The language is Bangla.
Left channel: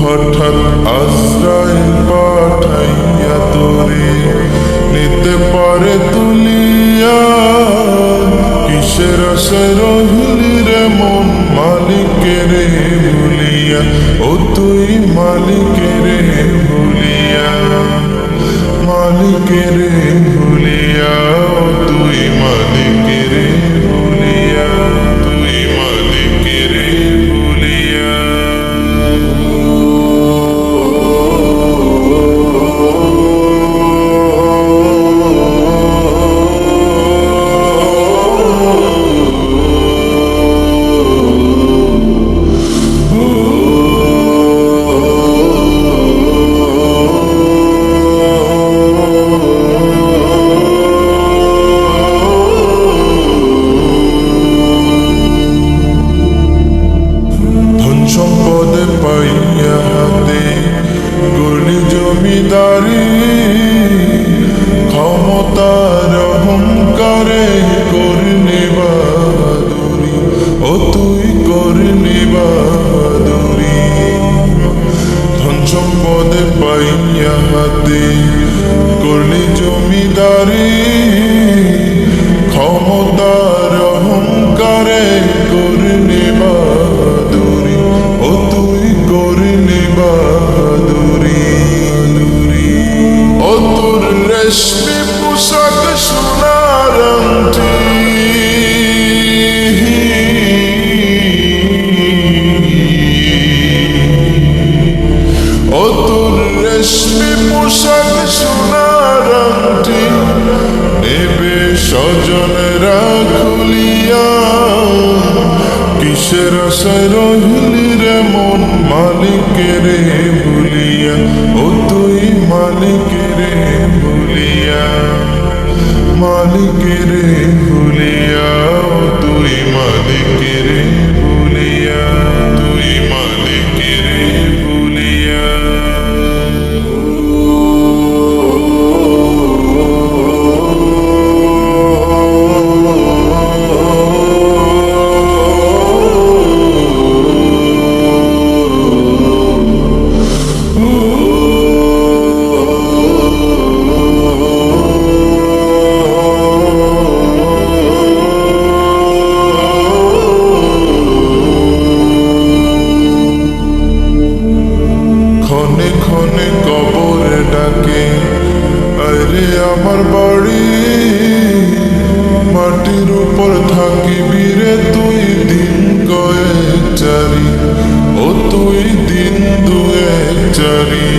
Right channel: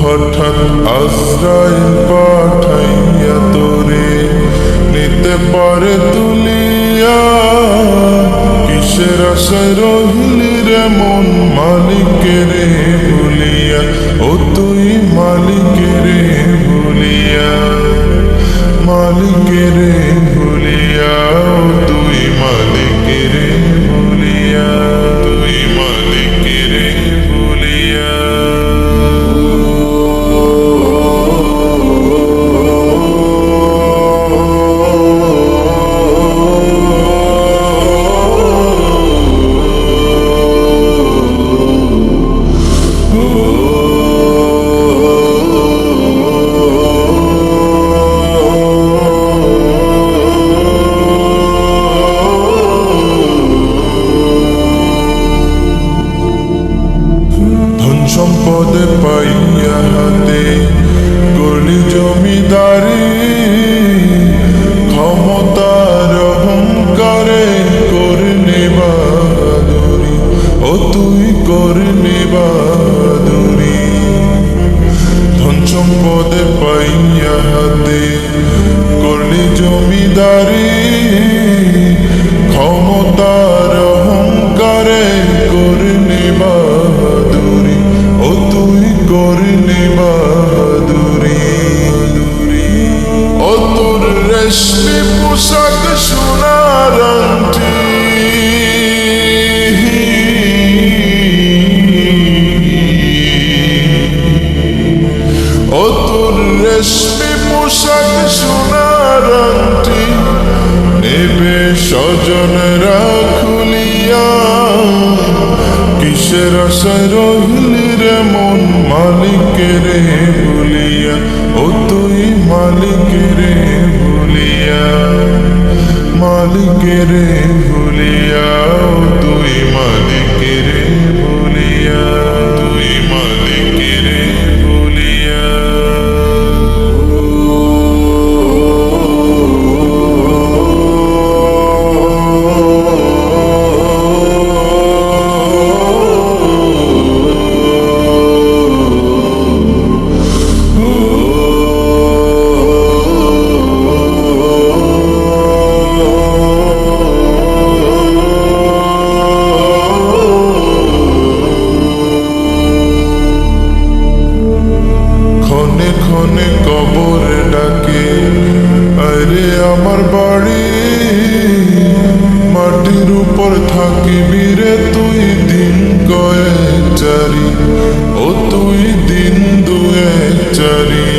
হঠাৎ আজরাইল পাঠাইয়া তোরে নিতে পারে তুলিয়া। কিসের আশায় রহিলি রে মন মালিকেরে ভুলিয়া, ও তুই মালিকেরে ভুলিয়া, মালিকেরে ভুলিয়া, ও তুই মালিকেরে ভুলিয়া, তুই মালিকেরে ভুলিয়া। সম্পদে পাইয়া হাতে করলি জমিদারি, ক্ষমতার অহংকারে করলি বাহাদুরি, ও তুই করলি বাহাদুরি। ধন সম্পদে পাইয়া হাতে করলি জমিদারি, ক্ষমতার অহংকারে করলি বাহাদুরি, ও তুই করলি বাহাদুরি। ও তোর রেশমি পোশাক সোনার আংটি, ও তোর রেশমি পোশাক সোনার আংটি নেবে স্বজনরা খুলিয়া। কিসের আশায় রহিলি রে মন মালিকেরে ভুলিয়া, ও তুই মালিকেরে ভুলিয়া, মালিকেরে ভুলিয়া, ও তুই মালিকেরে ভুলিয়া, তুই মালিকেরে ভুলিয়া। ক্ষণে ক্ষণে কবরে ডাকে আরে আমার বাড়ি, মাটির উপর থাকিবি রে তুই দিন কয়েক চারি, ও তুই দিন দুয়েক চারি।